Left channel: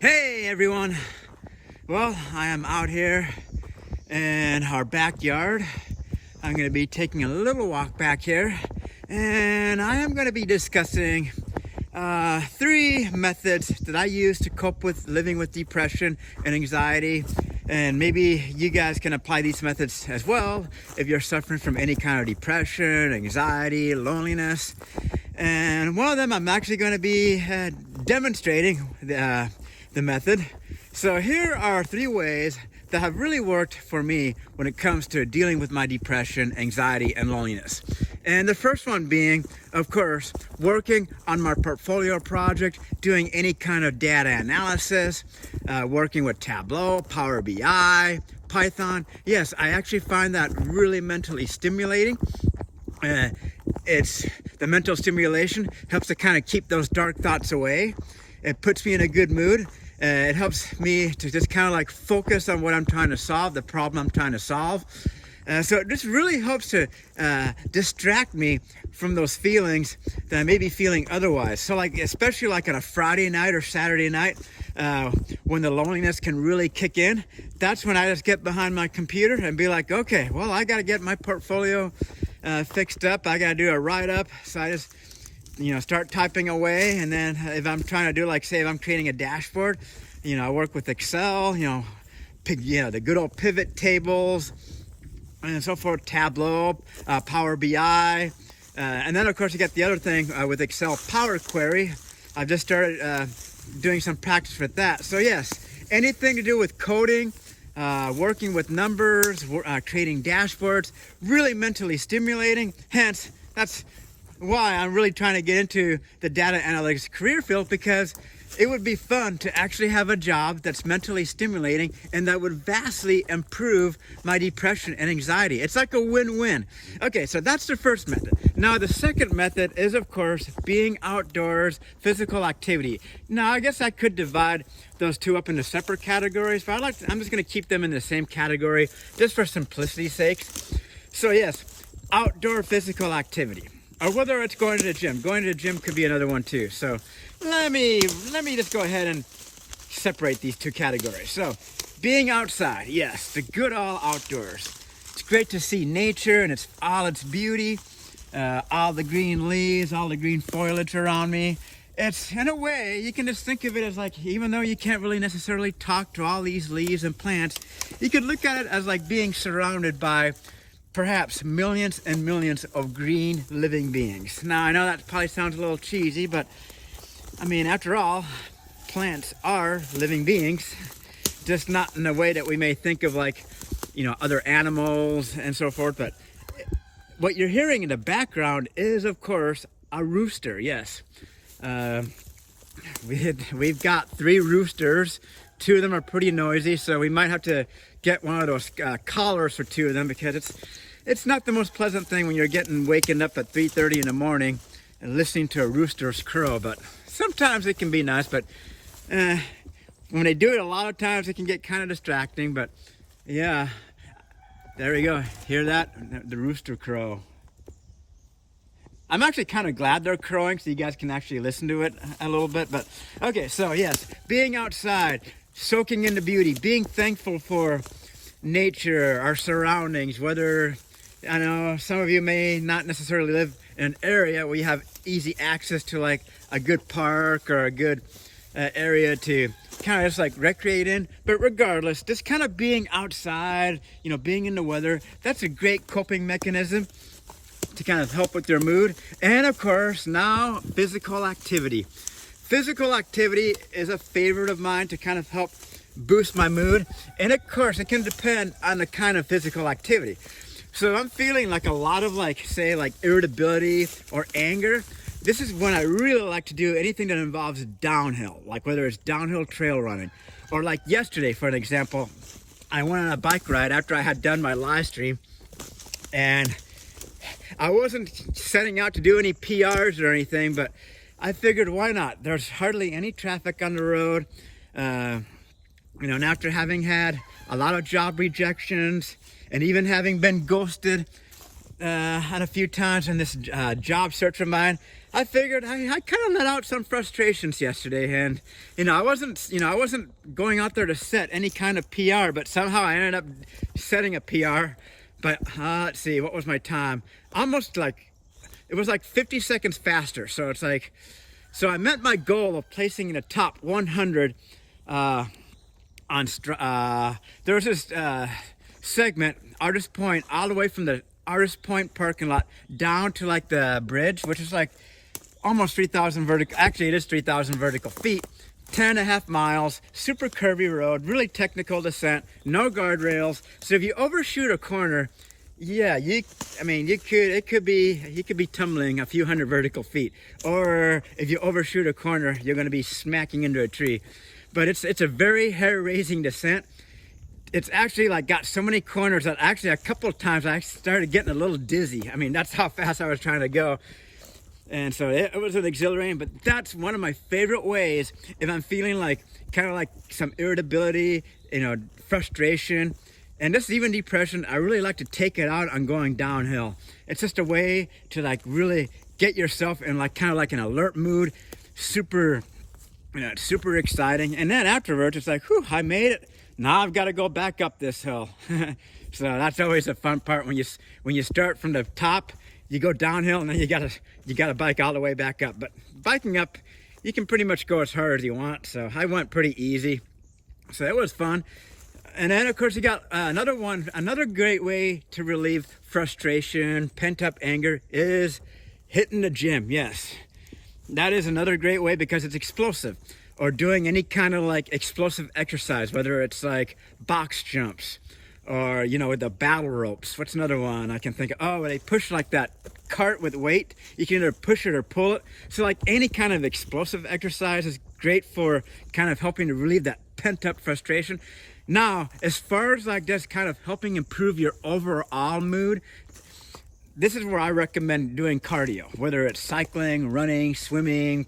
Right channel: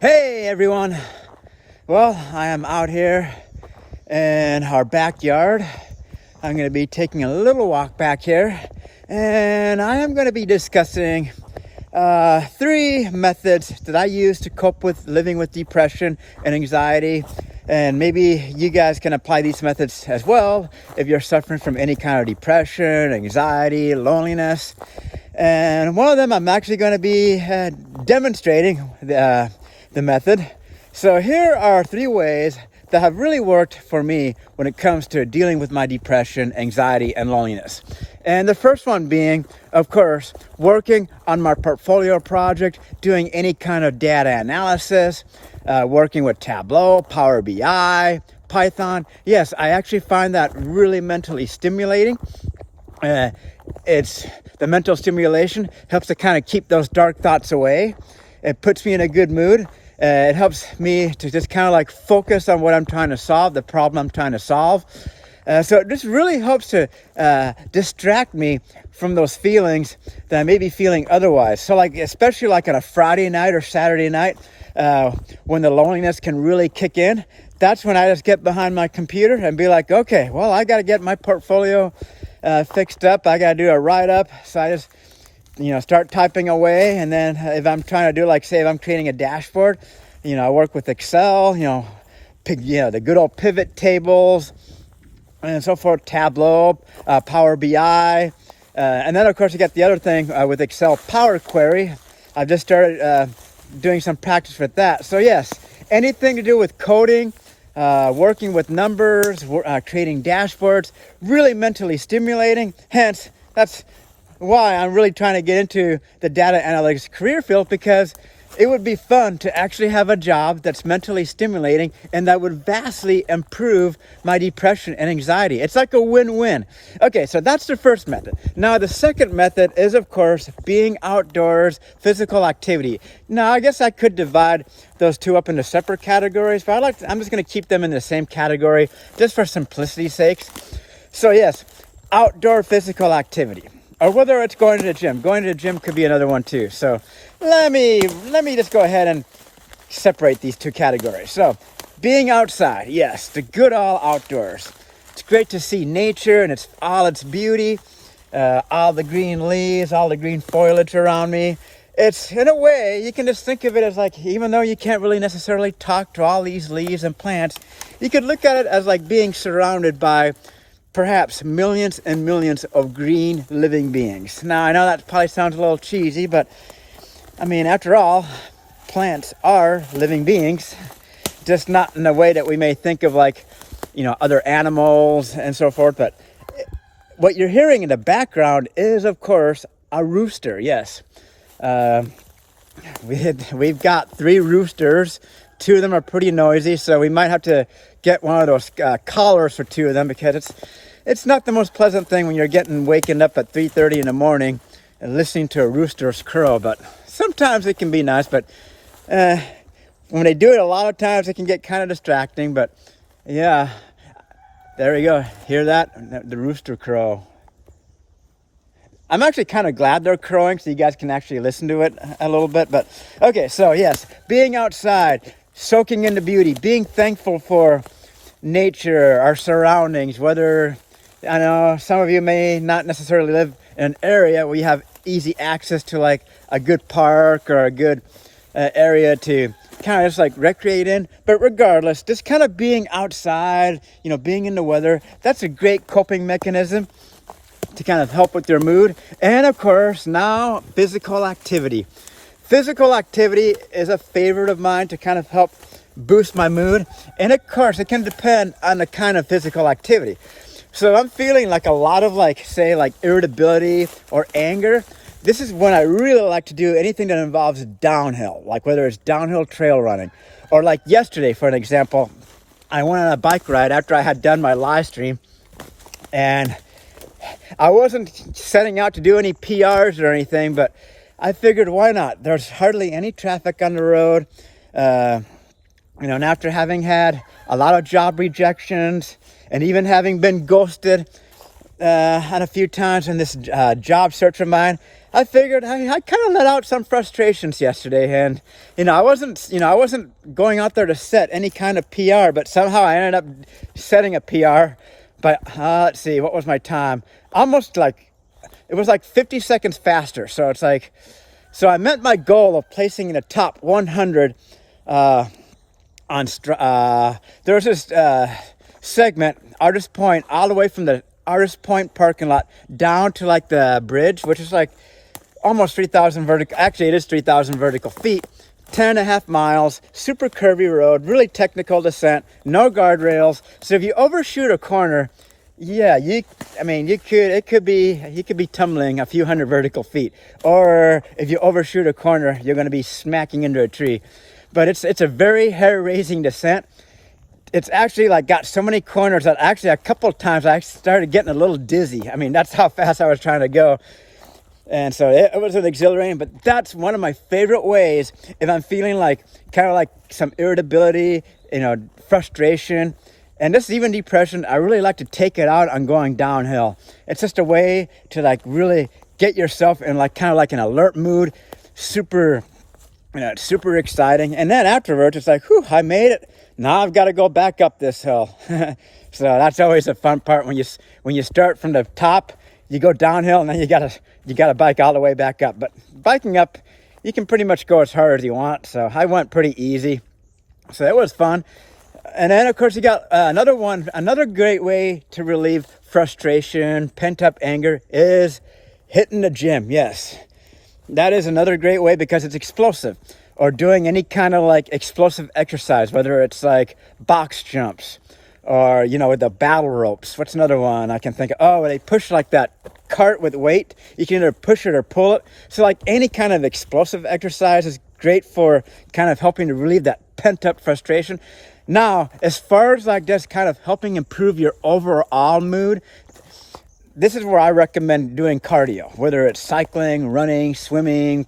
Hey everyone. Well, I am out here in our backyard. I'm going to be taking a little walk back here, and I am going to be discussing 3 methods that I use to cope with living with depression and anxiety. And maybe you guys can apply these methods as well if you're suffering from any kind of depression, anxiety, loneliness. And one of them I'm actually going to be demonstrating the method. So here are 3 ways that have really worked for me when it comes to dealing with my depression, anxiety, and loneliness. And the first one being, of course, working on my portfolio project, doing any kind of data analysis, working with Tableau, Power BI, Python. Yes, I actually find that really mentally stimulating. The mental stimulation helps to kind of keep those dark thoughts away. It puts me in a good mood. It helps me to just kind of like focus on what I'm trying to solve, the problem I'm trying to solve. So it just really helps to distract me from those feelings that I may be feeling otherwise. So like, especially like on a Friday night or Saturday night, when the loneliness can really kick in, that's when I just get behind my computer and be like, okay, well, I got to get my portfolio fixed up. I got to do a write-up. So I just, start typing away. And then if I'm trying to do, like, say, if I'm creating a dashboard, I work with Excel, the good old pivot tables and so forth, Tableau, Power BI. And then, of course, you got the other thing with Excel, Power Query. I've just started doing some practice with that. So, yes, anything to do with coding, working with numbers, creating dashboards, really mentally stimulating. Hence, that's why I'm really trying to get into the data analytics career field, because it would be fun to actually have a job that's mentally stimulating and that would vastly improve my depression and anxiety. It's like a win-win. Okay, so that's the first method. Now, the second method is, of course, being outdoors, physical activity. Now, I guess I could divide those 2 up into separate categories, but I'm just going to keep them in the same category just for simplicity's sake. So, yes, outdoor physical activity. Or whether it's going to the gym. Going to the gym could be another one too. So let me just go ahead and separate these 2 categories. So being outside, yes, the good old outdoors. It's great to see nature and all its beauty, all the green leaves, all the green foliage around me. It's, in a way, you can just think of it as like, even though you can't really necessarily talk to all these leaves and plants, you could look at it as like being surrounded by perhaps millions and millions of green living beings. Now, I know that probably sounds a little cheesy, but I mean, after all, plants are living beings, just not in the way that we may think of, like, other animals and so forth. But what you're hearing in the background is, of course, a rooster. Yes. We've got 3 roosters. 2 of them are pretty noisy, so we might have to get one of those collars for 2 of them, because it's not the most pleasant thing when you're waking up at 3:30 in the morning and listening to a rooster's crow. But sometimes it can be nice. But when they do it, a lot of times it can get kind of distracting. But yeah, there you go. Hear that? The rooster crow. I'm actually kind of glad they're crowing so you guys can actually listen to it a little bit. But okay, so yes, being outside, soaking in the beauty, being thankful for nature, our surroundings. Whether, I know some of you may not necessarily live in an area where you have easy access to like a good park or a good area to kind of just like recreate in, but regardless, just kind of being outside, being in the weather, that's a great coping mechanism to kind of help with your mood. And of course, now physical activity. Physical activity is a favorite of mine to kind of help boost my mood. And of course, it can depend on the kind of physical activity. So if I'm feeling like a lot of irritability or anger, this is when I really like to do anything that involves downhill, like whether it's downhill trail running, or like yesterday, for an example, I went on a bike ride after I had done my live stream, and I wasn't setting out to do any PRs or anything, but I figured, why not? There's hardly any traffic on the road. And after having had a lot of job rejections and even having been ghosted a few times in this job search of mine, I figured I kind of let out some frustrations yesterday, and I wasn't going out there to set any kind of PR, but somehow I ended up setting a PR. But let's see, what was my time? Almost like, it was like 50 seconds faster. So it's like, so I met my goal of placing in the top 100 there was this segment, Artist Point, all the way from the Artist Point parking lot down to like the bridge, which is like almost 3,000 vertical, actually it is 3,000 vertical feet, 10.5 miles, super curvy road, really technical descent, no guardrails. So if you overshoot a corner, yeah, you could be tumbling a few hundred vertical feet. Or if you overshoot a corner, you're going to be smacking into a tree. But it's a very hair-raising descent. It's actually like got so many corners that actually a couple of times I started getting a little dizzy. I mean, that's how fast I was trying to go. And so it was an exhilarating, but that's one of my favorite ways if I'm feeling like kind of like some irritability, frustration, and this even depression. I really like to take it out on going downhill. It's just a way to like really get yourself in like kind of like an alert mood, super exciting. And then afterwards, it's like, whew, I made it. Now I've got to go back up this hill. So that's always a fun part when you start from the top, you go downhill, and then you gotta bike all the way back up. But biking up, you can pretty much go as hard as you want. So I went pretty easy. So it was fun. And then of course you got another great way to relieve frustration, pent up anger is hitting the gym. Yes, that is another great way because it's explosive, or doing any kind of like explosive exercise, whether it's like box jumps or, with the battle ropes. What's another one I can think of? Oh, they push like that cart with weight. You can either push it or pull it. So like any kind of explosive exercise is great for kind of helping to relieve that pent up frustration. Now, as far as like just kind of helping improve your overall mood, this is where I recommend doing cardio, whether it's cycling, running, swimming,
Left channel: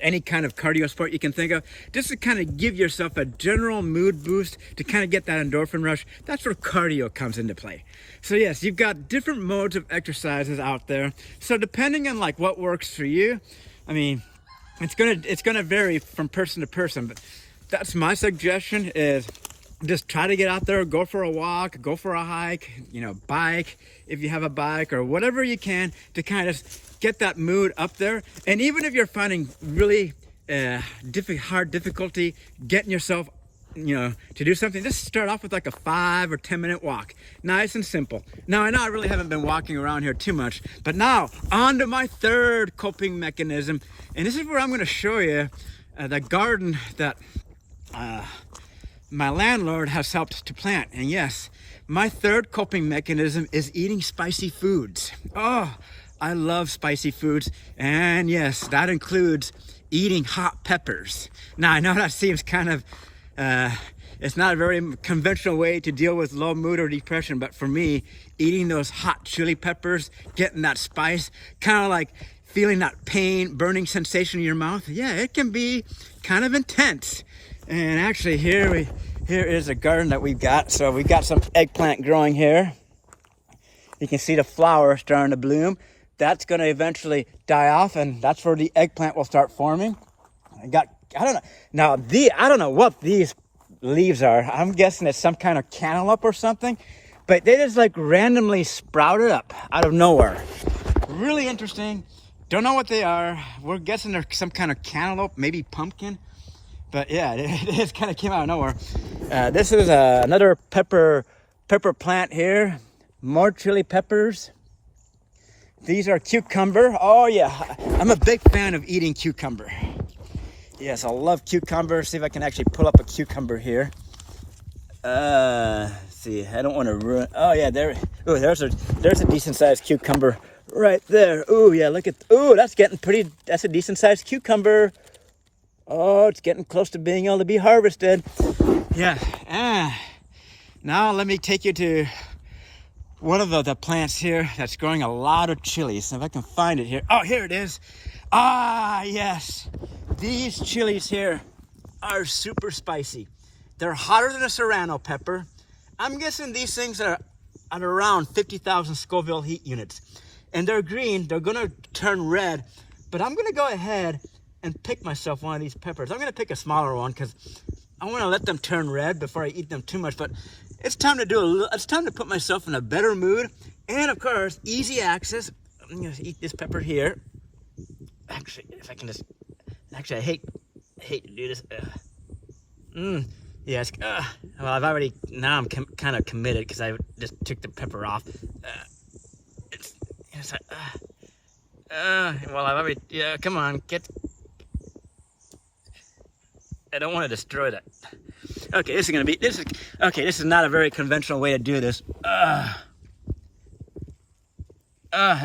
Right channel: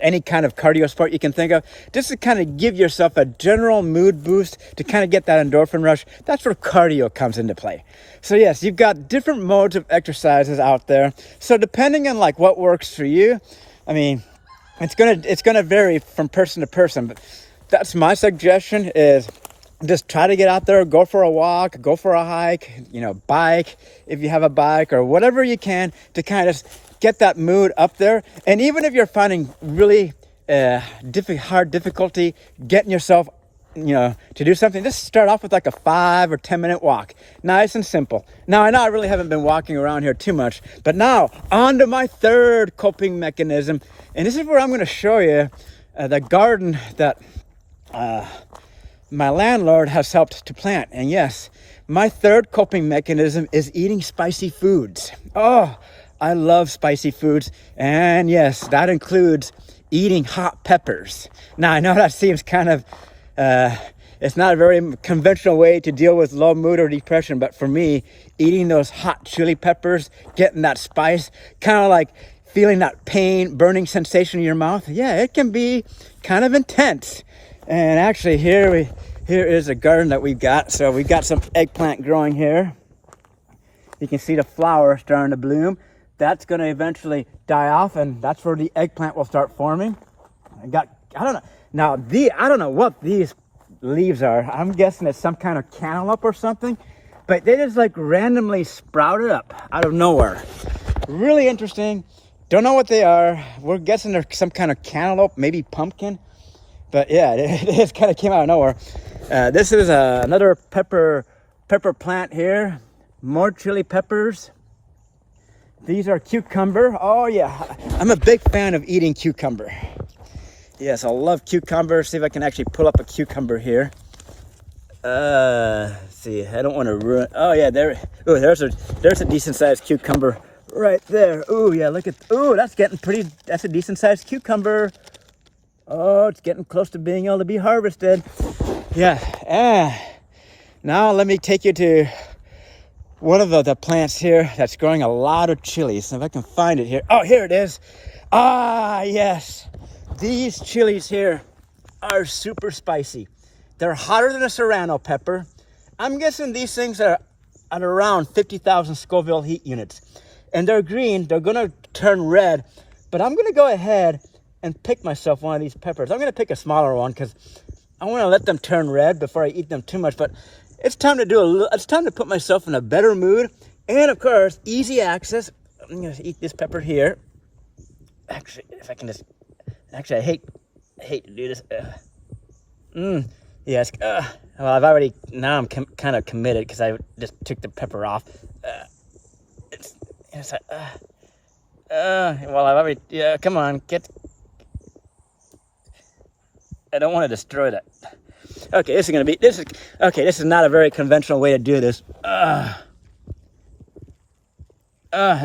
any kind of cardio sport you can think of, just to kind of give yourself a general mood boost to kind of get that endorphin rush. That's where cardio comes into play. So yes, you've got different modes of exercises out there. So depending on like what works for you, I mean, it's gonna vary from person to person, but that's my suggestion is just try to get out there, go for a walk, go for a hike, bike if you have a bike, or whatever you can to kind of get that mood up there. And even if you're finding really hard difficulty getting yourself, to do something, just start off with like a 5 or 10 minute walk. Nice and simple. Now, I know I really haven't been walking around here too much, but now on to my third coping mechanism. And this is where I'm going to show you the garden that my landlord has helped to plant. And yes, my third coping mechanism is eating spicy foods. Oh, I love spicy foods. And yes, that includes eating hot peppers. Now, I know that seems kind of, it's not a very conventional way to deal with low mood or depression, but for me, eating those hot chili peppers, getting that spice, kind of like feeling that pain, burning sensation in your mouth, yeah, it can be kind of intense. And actually here is a garden that we've got. So we've got some eggplant growing here. You can see the flower starting to bloom. That's going to eventually die off, and that's where the eggplant will start forming. I don't know what these leaves are. I'm guessing it's some kind of cantaloupe or something, but they just like randomly sprouted up out of nowhere. Really interesting. Don't know what they are. We're guessing they're some kind of cantaloupe, maybe pumpkin. But yeah, it just kind of came out of nowhere. This is another pepper plant here. More chili peppers. These are cucumber. Oh yeah, I'm a big fan of eating cucumber. Yes, I love cucumber. See if I can actually pull up a cucumber here. Let's see, I don't want to ruin. Oh yeah, there's a decent sized cucumber right there. Oh yeah, look at. Oh, that's a decent sized cucumber. Oh, it's getting close to being able to be harvested. Yeah. Now let me take you to one of the plants here that's growing a lot of chilies. If I can find it here. Oh, here it is. Ah, yes. These chilies here are super spicy. They're hotter than a serrano pepper. I'm guessing these things are at around 50,000 Scoville heat units. And they're green. They're going to turn red But I'm gonna go ahead and pick myself one of these peppers. I'm gonna pick a smaller one because I want to let them turn red before I eat them too much. But it's time to it's time to put myself in a better mood, and of course, easy access. I'm gonna eat this pepper here. Actually, if I can just, actually, I hate to do this. Yes. Well, I've already, now I'm kind of committed because I just took the pepper off. Well, I've already, yeah, come on, I don't want to destroy that. Okay, this is not a very conventional way to do this. I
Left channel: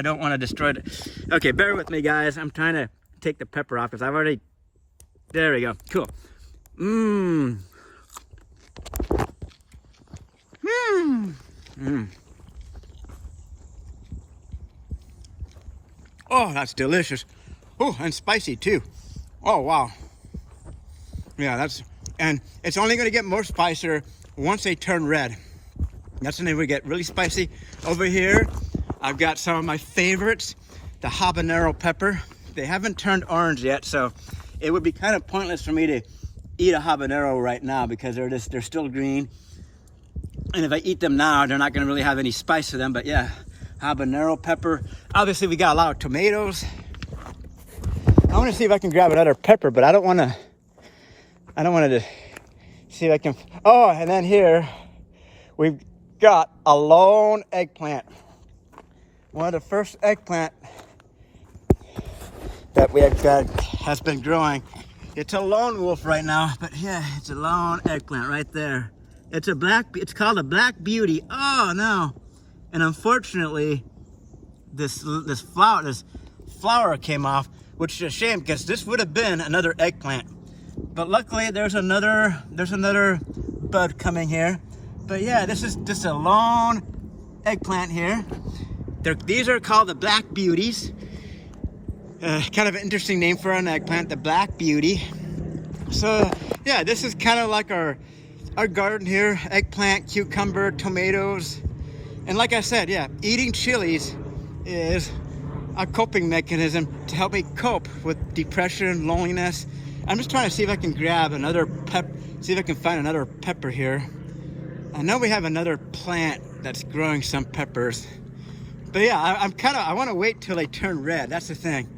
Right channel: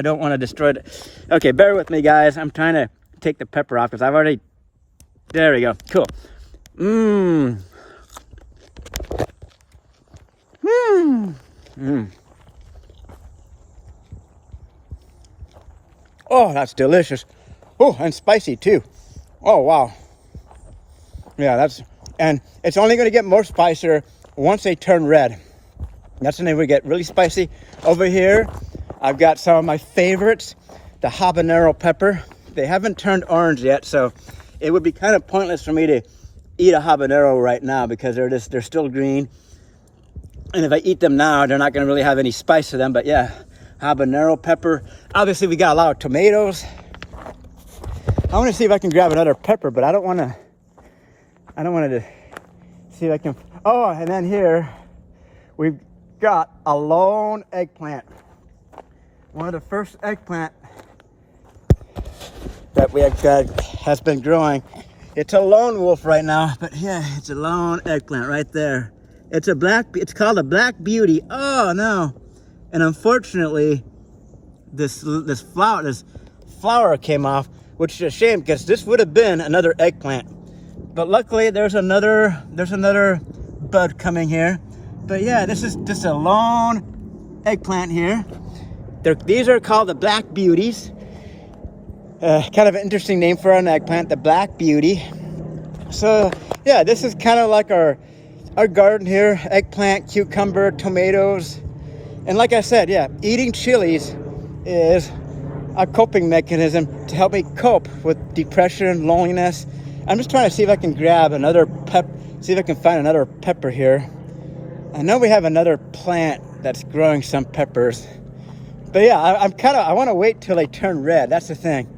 don't want to destroy it. Okay, bear with me, guys. I'm trying to take the pepper off because I've already, there we go, cool. Oh, that's delicious. Oh, and spicy too. Oh, wow. Yeah, and it's only going to get more spicier once they turn red. That's when they would get really spicy. Over here, I've got some of my favorites, the habanero pepper. They haven't turned orange yet, so it would be kind of pointless for me to eat a habanero right now because they're still green. And if I eat them now, they're not going to really have any spice to them. But yeah, habanero pepper. Obviously, we got a lot of tomatoes. I want to see if I can grab another pepper, but I don't want to see if I can. Oh, and then here we've got a lone eggplant. One of the first eggplant that has been growing. It's a lone wolf right now, but yeah, it's a lone eggplant right there. It's called a black beauty. Oh no. And unfortunately, this flower came off, which is a shame because this would have been another eggplant. But luckily there's another bud coming here. But yeah, this is just a lone eggplant here. These are called the black beauties. Kind of an interesting name for an eggplant, the black beauty. So yeah, this is kind of like our garden here, eggplant, cucumber, tomatoes. And like I said, yeah, eating chilies is a coping mechanism to help me cope with depression, loneliness. I'm just trying to see if I can grab another see if I can find another pepper here. I know we have another plant that's growing some peppers. But yeah, I want to wait till they turn red. That's the thing.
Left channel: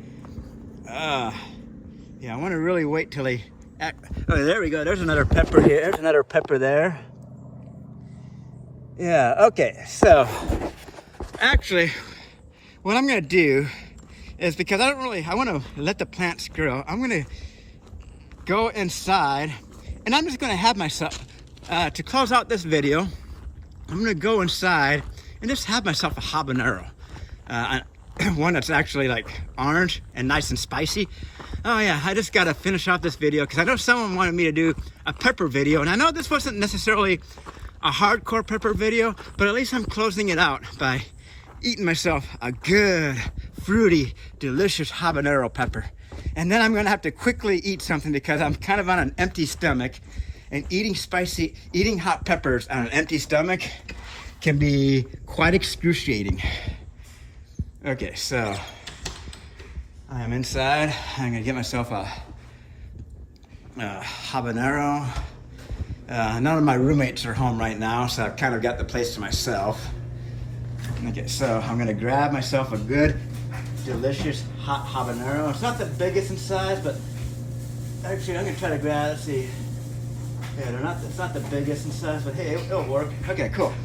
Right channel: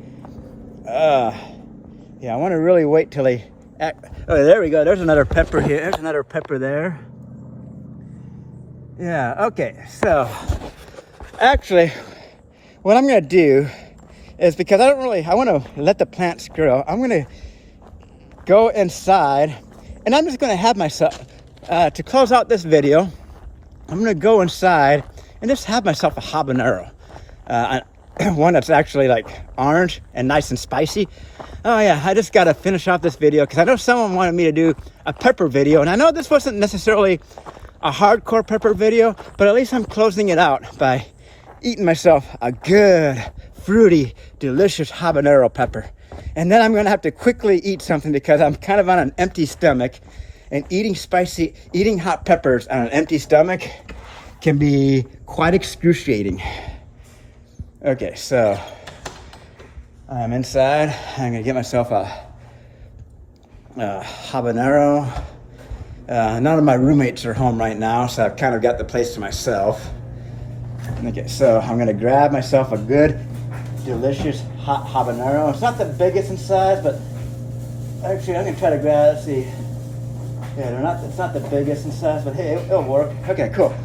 Yeah, I want to really wait till they oh, there we go. There's another pepper here. There's another pepper there. Yeah, okay. So, actually, what I'm going to do is because I want to let the plants grow. I'm going to go inside and I'm just going to have myself, to close out this video, I'm going to go inside and just have myself a habanero. One that's actually like orange and nice and spicy. Oh yeah, I just gotta finish off this video because I know someone wanted me to do a pepper video, and I know this wasn't necessarily a hardcore pepper video, but at least I'm closing it out by eating myself a good, fruity, delicious habanero pepper. And then I'm gonna have to quickly eat something because I'm kind of on an empty stomach, and eating hot peppers on an empty stomach can be quite excruciating. Okay, so I'm inside. I'm gonna get myself a habanero. None of my roommates are home right now, so I've kind of got the place to myself. Okay, so I'm gonna grab myself a good, delicious hot habanero. It's not the biggest in size, but actually I'm gonna try to grab, let's see. Yeah, it's not the biggest in size, but hey, it'll work. Okay, cool.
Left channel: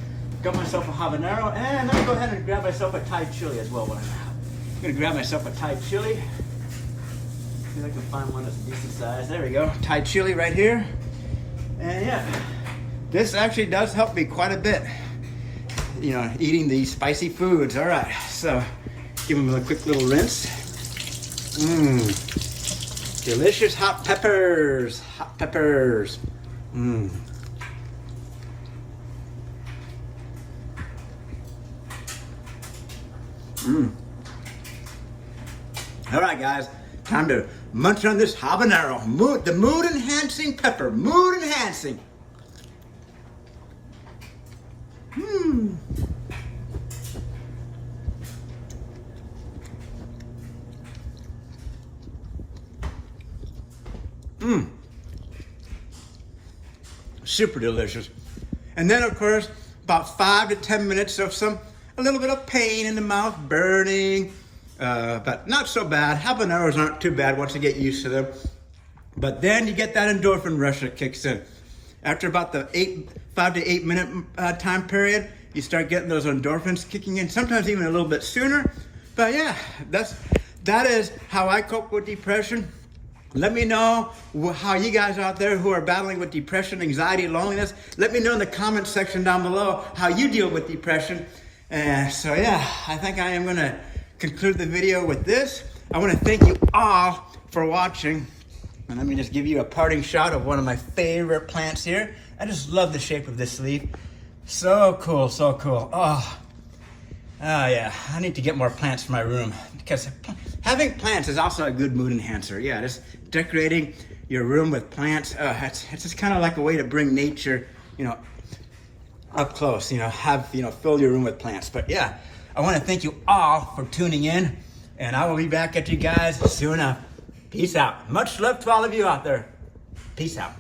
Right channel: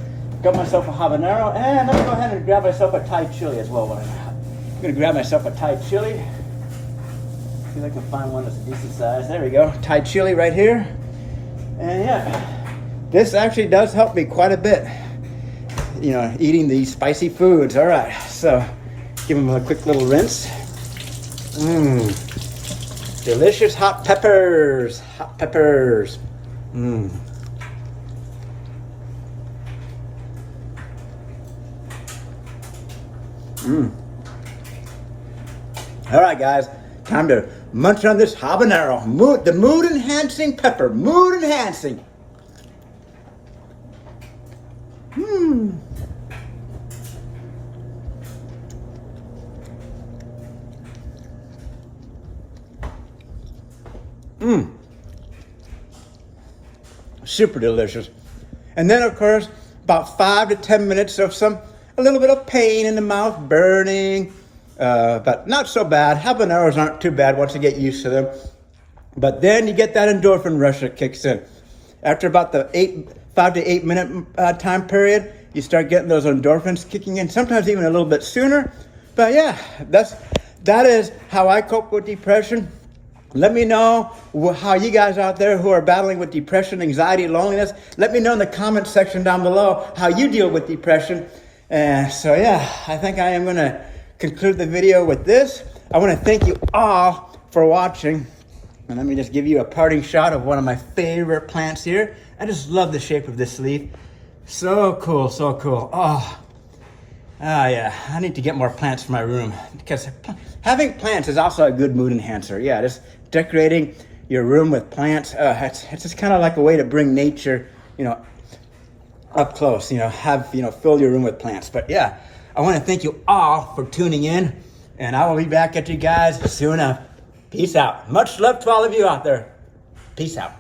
Got myself a habanero, and I'm gonna go ahead and grab myself a Thai chili as well. I'm gonna grab myself a Thai chili. See if I can find one that's a decent size. There we go, Thai chili right here. And yeah, this actually does help me quite a bit. You know, eating these spicy foods. All right, so give them a quick little rinse. Delicious hot peppers. Hot peppers. All right, guys, time to munch on this habanero. The mood-enhancing pepper. Mood-enhancing. super delicious. And then of course, about 5 to 10 minutes of a little bit of pain in the mouth, burning, but not so bad. Habaneros aren't too bad once you get used to them. But then you get that endorphin rush that kicks in. After about the 5 to 8 minute time period, you start getting those endorphins kicking in, sometimes even a little bit sooner. But yeah, that is how I cope with depression. Let me know how you guys out there who are battling with depression, anxiety, loneliness, let me know in the comment section down below how you deal with depression. So yeah, I think I am gonna conclude the video with this. I wanna thank you all for watching. And let me just give you a parting shot of one of my favorite plants here. I just love the shape of this leaf. So cool, so cool. Oh yeah, I need to get more plants for my room because having plants is also a good mood enhancer. Yeah, just decorating your room with plants. It's just kind of like a way to bring nature, up close, fill your room with plants. But yeah, I want to thank you all for tuning in, and I will be back at you guys soon enough. Peace out. Much love to all of you out there. Peace out.